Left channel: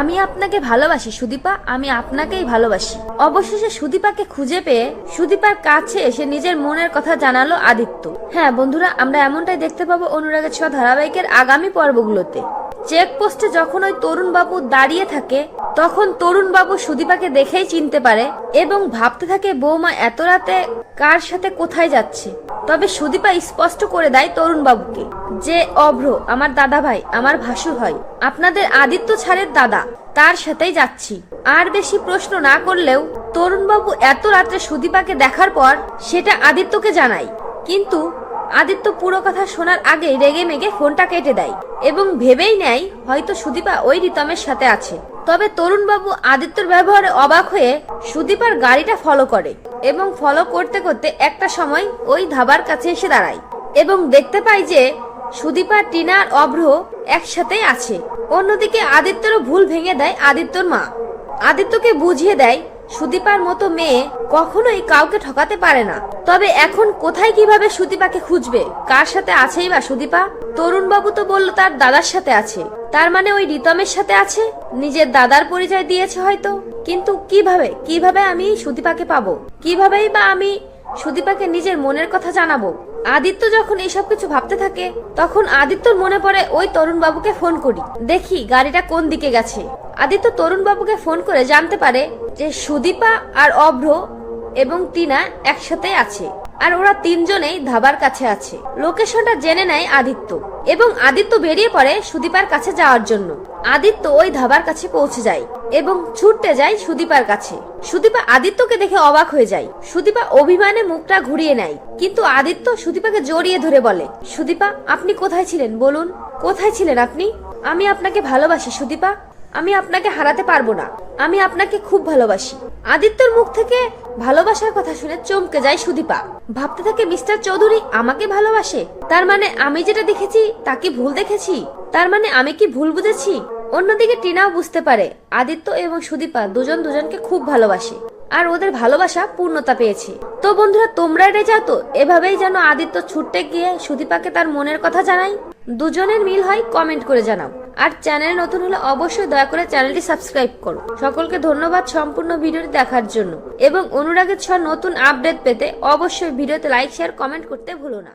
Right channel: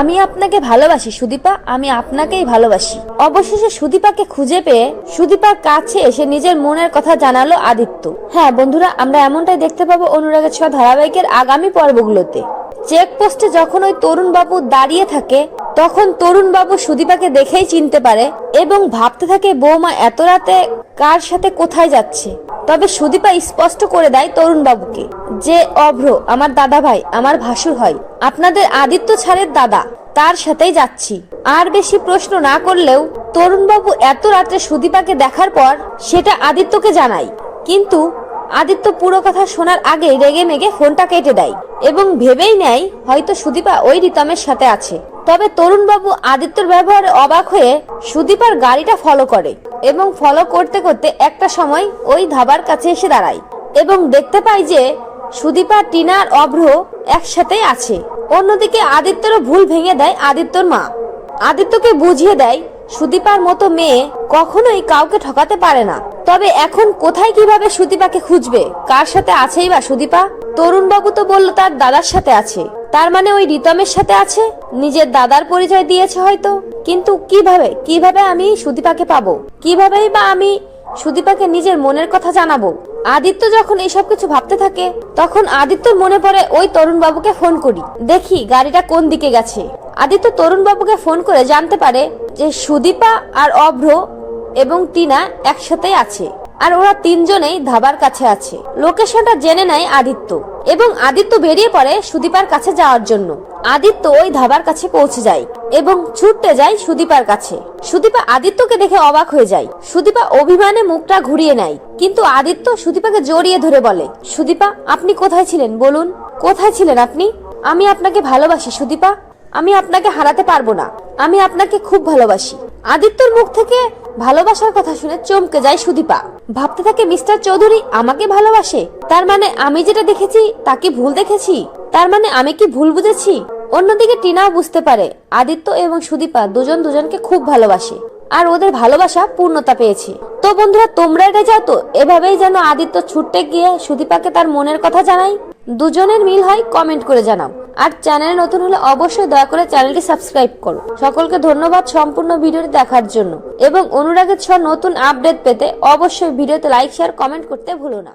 আমি আপনাকে ভালোবাসি, সুদীপা। আমি আপনাকেই ভালোবাসি। অবশেষে সুদীপাকে খুঁজে পেয়ে সুদীপার কাছে এসে নিজের মনের কথা জানালো আদিত্য। হ্যাঁ বন্ধুরা, আমরা এমনটাই দেখতে পাবো অনুরাগের ছ ধারাবাহিকের আগামী পর্বগুলোতে। চেকপোস্টে যখন ওই তরুণ বাবু দাঁড়িয়ে থাকে তখন তরুণ বাবু সুদীপাকে দেখেই চিনতে পারে এবং ভাবতে থাকে, বৌমা, এত রাতে কার সাথে কোথায় যাচ্ছে? তবে সুদীপা স্পষ্ট করে দেয় তরুণ বাবুকে যে, অভ্র, আমার দাদা ভাই আমার ভাসুর হয়। আপনাদের আদিত্য ছাড়ের দাদা, তার সাথেই যাচ্ছি। আর বেশি প্রশ্ন না করলেও তরুণবাবু এত রাত্রে সুদীপাকে দেখার পর সেটা আদিত্যকে জানাই কিন্তু আদিত্য পুরো কথা শোনার আগে রেগে মেগে ফোনটা কেটে দেয় এবং ভেবেই নেয় হয়তো সুদীপা ওই রিতমের সাথে আছে। তবে তরুণবাবু আদিত্যর ব্যবহারে অবাক হয়ে সুদীপার গাড়িটা ফলো করে এবং ফলো করতে করতে একটা সময় ওই ধাবার কাছে এসে দাঁড়ায় এবং দেখতে পায় যে সুদীপা, টিনা আর অভ্র একসাথেই আছে। অন্যদিকে আদিত্যরও ভুল ভেঙে দেয় আদিত্যর মা। আদিত্যকে বুঝিয়ে দেয় সুদীপার মতো মেয়ে কখনোই কাউকে ঠকাতে পারে না। তবে এখন কোথায় কীভাবে সুদীপাকে খুঁজবে? কার সাথে আছেই বা সুদীপা? তরুণ বাবু তো বলল তার দাদার সাথে আছে। তার মানে ওই রিতমের সাথে আছে? নিজের দাদার পরিচয় দিয়েছে হয়তো। কিন্তু কীভাবে? কীভাবে আমি সুদীপাকে পাবো? কিভাবেই বা আমি সুদীপাকে নিজের মনের কথা জানাব? আদিত্য যখন এইসব কিছু ভাবতে থাকে, তখন আদিত্যর মনে পড়ে ওই তরুণ বাবুকে ফোন করি। দেখি গাড়িটা কোন দিকে গেছে। আদিত্য তরুণ বাবুকে ফোন করে জানতে পারে যে সুদীপা আর অভ্র এবং টিনা একসাথে আছে। আর ওরা তিনজনেই ধাবার কাছে আছে। লোকেশনটা জেনে নেয় আদিত্য। এবং আদিত্য বেরিয়ে পড়ে সুদীপার কাছে যাওয়ার জন্য। আদিত্য ওই ধাবার কাছে পৌঁছে যায় এবং ছুটতে যায় সুদীপার কাছে। সুদীপা আদিত্যকে দেখে অবাক হয়ে যায়। সুদীপা অভিমানে মুখটা ঘুরিয়ে নেয়। কিন্তু আদিত্য সুদীপাকে জড়িয়ে ধরে বলে, সুদীপা, আপনি কোথায় ছিলেন? বলুন। কোথায় ছিলেন আপনি? আমি আপনাকে ভালোবাসি, সুদীপা। আমি আপনাকে হারাতে পারব না। আমি আপনাকে খুব ভালোবাসি। আদিত্যর মুখ থেকে ভালোবাসার কথা শুনে চমকে যায় সুদীপা। ভাবতে থাকে মিস্টার চৌধুরী আমাকে ভালোবাসে। তার মানে আমি যেটা দেখেছি তাকে ভুল দেখেছি? তার মানে আমি কি ভুল বুঝেছি? অন্যদিকে টিনাও বুঝতে পারে, আদিত্য এবং সুদীপা দুজন দুজনকে খুব ভালোবাসে। আর ওদের ভালোবাসা পূর্ণতা পেয়েছে। তো বন্ধুরা, তোমরা এটা যাও তো? এভাবেই যেন আদিত্য ছুটতে গিয়ে সুদীপাকে তার মনের কথা জানাই? দুজনের মিল হয় কমেন্ট করে জানাও। আর চ্যানেলে নতুন হলে অবশ্যই দয়া করে চ্যানেলটি সাবস্ক্রাইব করো। সকলকে ধন্যবাদ সম্পূর্ণ ভিডিওটি দেখার জন্য। এবং অনুরাগের ছ নতুন আপডেট পেতে অবশ্যই ভিডিওতে লাইক শেয়ার কমেন্ট করতে ভুলো না।